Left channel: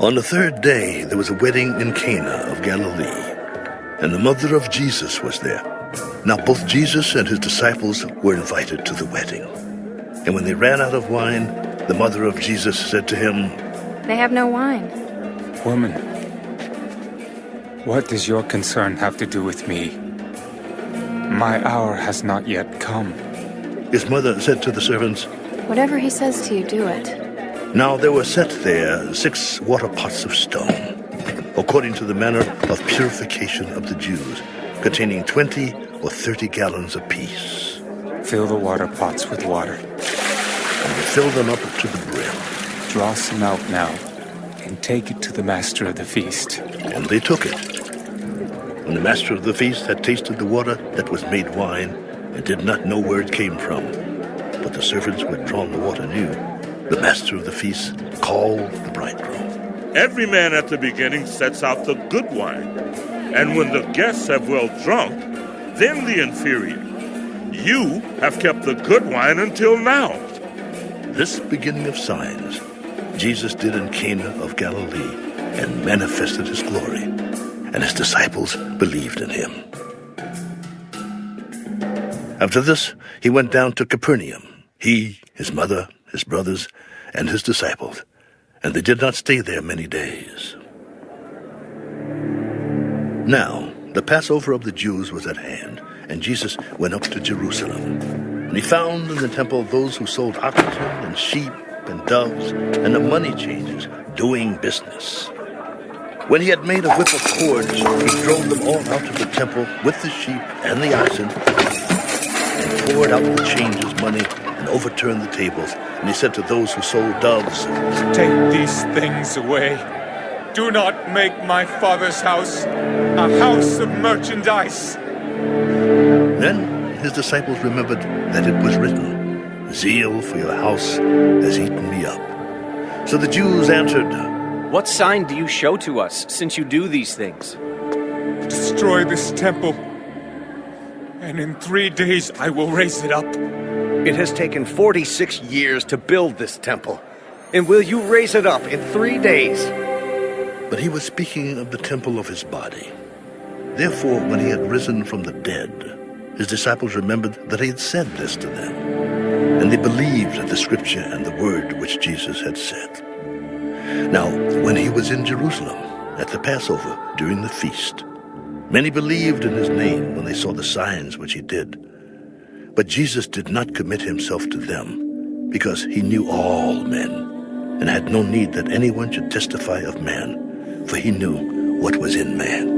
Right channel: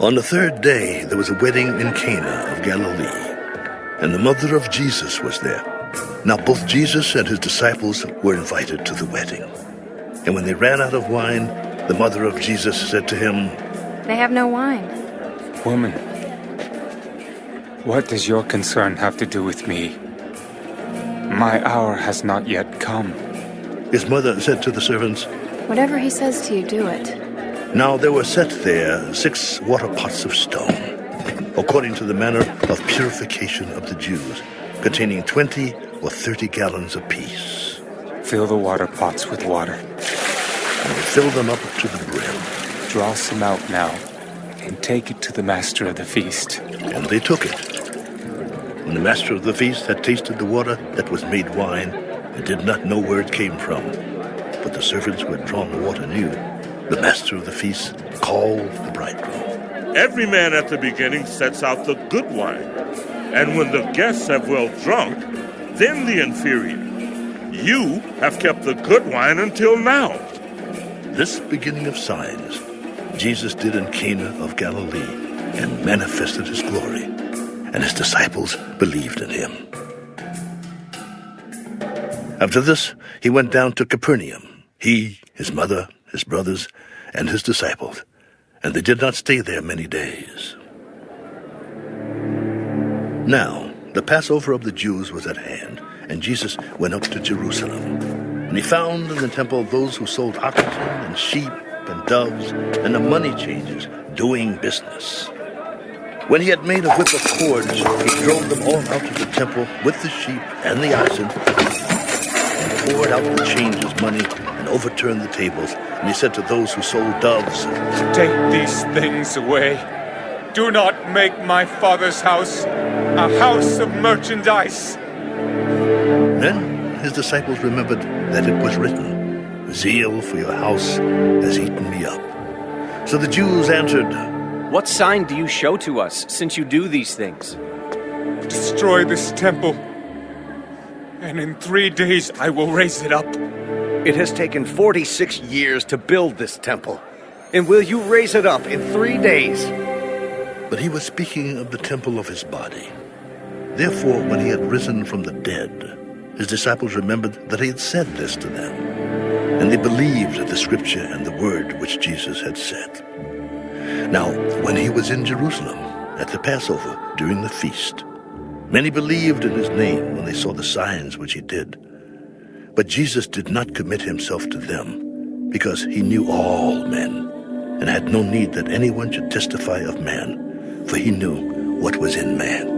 On the third day, there was a wedding in Cana of Galilee, and the mother of Jesus was there. Now both Jesus and his disciples were invited to the wedding. And when they ran out of wine, the mother of Jesus said to him, "They have no wine." "Woman, what does your concern have to do with me? My hour has not yet come." His mother said to the servants, "Whatever he says to you, do it." Now there were set there 6 water pots of stone, according to the manner of purification of the Jews, containing 20 or 30 gallons apiece. Fill the water pots with water. And they filled them up to the brim. Draw some out now, and take it to the master of the feast. And they took it. When the master of the feast had tasted the water that was made wine, and did not know where it came from, but the servants who had drawn the water knew, the master of the feast called the bridegroom. Every man at the beginning sets out the good wine, and when the guests have well drunk, then the inferior. You have kept the good wine until now. This beginning of signs Jesus did in Cana of Galilee, and manifested his glory, and his disciples believed in him. After this, he went down to Capernaum, he, his mother, his brothers, and his disciples, and they did not stay there many days. Now, the Passover of the Jews was at hand, and Jesus went up to Jerusalem. And he found in the temple those who sold oxen and sheep and doves and the money changers doing business. When he had made a whip of cords, he drove them all out of the temple with the sheep and the oxen, and poured out the changers' money and overturned the tables. And he said to those who sold doves, "Take these things away. Do not make my Father's house a house of merchandise." Then his disciples remembered that it was written, "Zeal for your house has eaten me up." So the Jews answered, "What sign do you show to us, since you do these things?" "Destroy this temple, and in 3 days I will raise it up." It has taken 46 years to build this temple. And will you raise it up in 3 days? But he was speaking of the temple of his body. Therefore, when he had risen from the dead, his disciples remembered that he had said this to them. And they believed the scripture and the word which Jesus had said. Now, when he was in Jerusalem at the Passover during the feast, many believed in his name when they saw the signs which he did. But Jesus did not commit himself to them, because he knew all men, and had no need that anyone should testify of man, for he knew what was in man.